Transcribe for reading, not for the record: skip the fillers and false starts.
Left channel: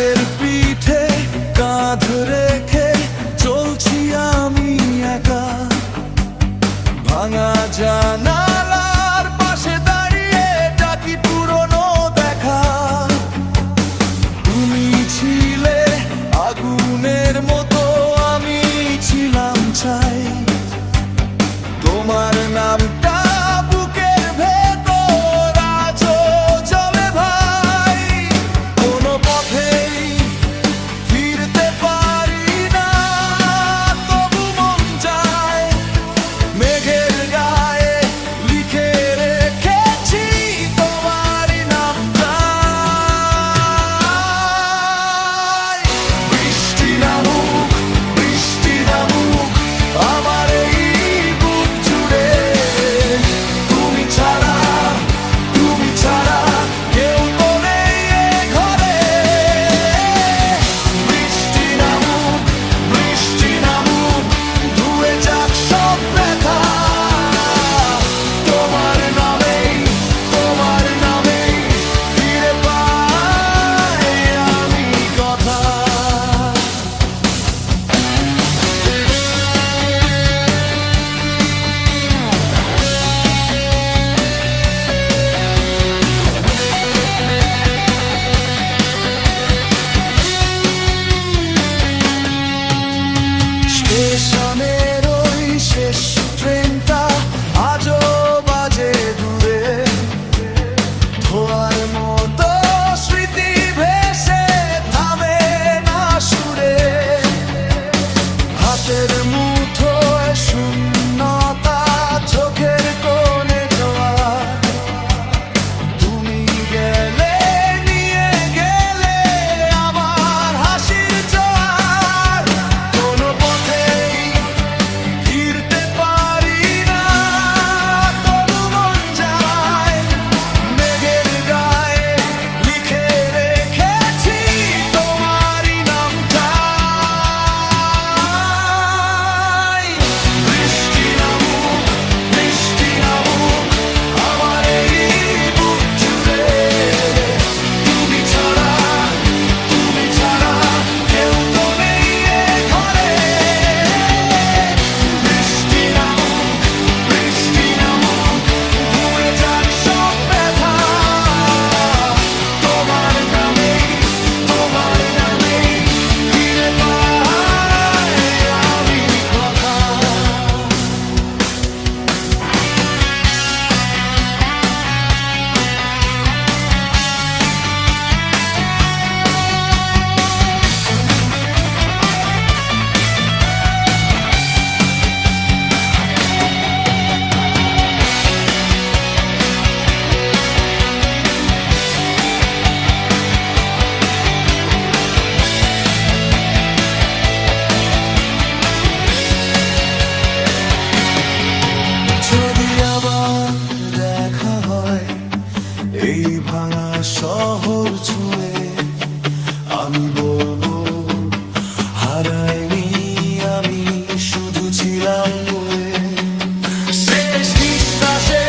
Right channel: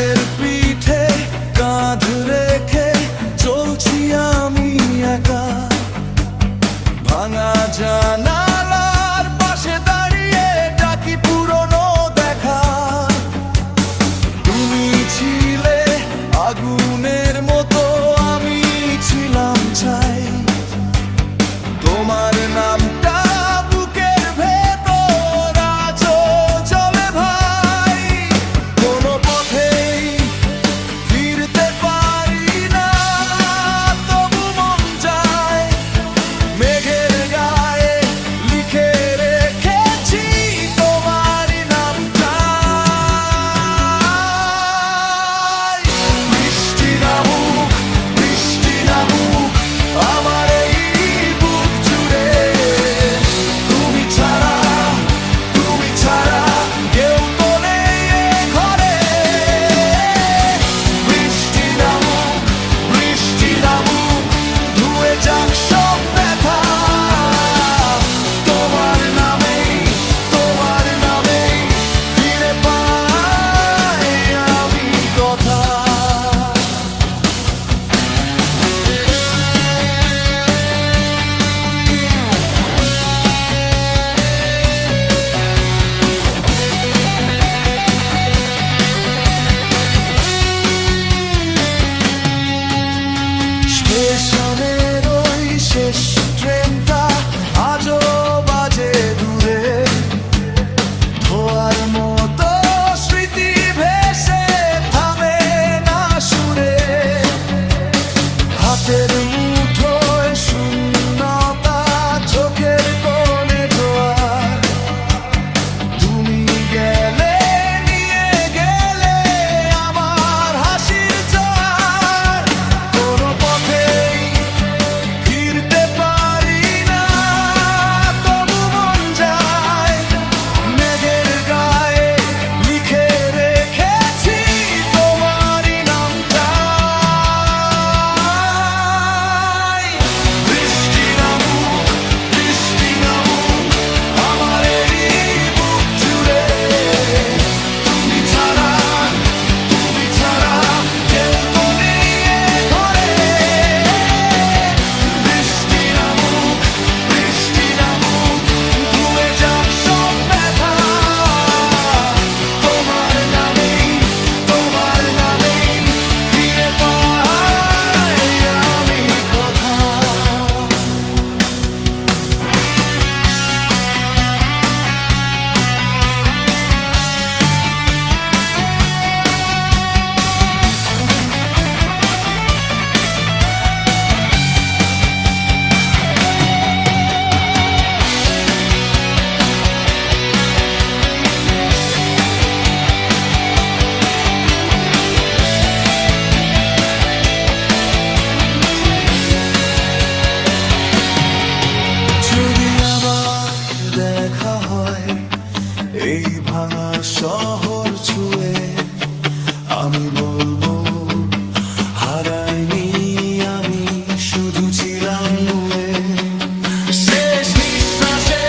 হাতের পিঠে কাঁধ রেখে চলছি আমি একা, ভাঙা জানালার পাশে দাঁড়িয়ে ডাকি পুরনো দেখা। তুমি ছিলে আগুনের মতো, আমি ছিলাম ছাই। তোমার নামটা বুকের ভেতর আজও জ্বলে ভাই। কোনো পথেই ফিরতে পারি না, তবু মন যায় মেঘের গায়ে লিখে রেখেছি তোমারই নামটা। বৃষ্টি নামুক, বৃষ্টি নামুক আমার এই বুক জুড়ে, তুমি ছাড়া কেউ তো নেই এ ঘরে। বৃষ্টি নামুক, বৃষ্টি নামুক ধুয়ে যাক সব ব্যথা। তোমার নামেই ফিরে পাই আমি কথা। স্টেশনের ওই শেষ ট্রেনটা আজও বাজে দূরে, ধোয়ার মতো স্মৃতি ভেসে থামে না সুরে। হাতের মুঠোয় শূন্যতা, চোখের কোণে জোয়ার। তুমি গেলে নিয়ে গেলে আমার হাসির জোয়ার। কোনো পথেই ফিরতে পারি না, তবু মন যায় মেঘের গায়ে লিখে রেখেছি তোমারই নামটা। বৃষ্টি নামুক, বৃষ্টি নামুক আমার এই বুক জুড়ে, তুমি ছাড়া কেউ তো নেই এ ঘরে। বৃষ্টি নামুক, বৃষ্টি নামুক ধুয়ে যাক সব ব্যথা। তোমার নামেই ফিরে পাই আমি কথা। যদি আবার দেখা হয় এই ভাঙা শহর ছুঁয়ে, আমি বলবো হারাইনি আমি, শুধু ছিলাম নুয়ে। শেষ নিঃশ্বাসে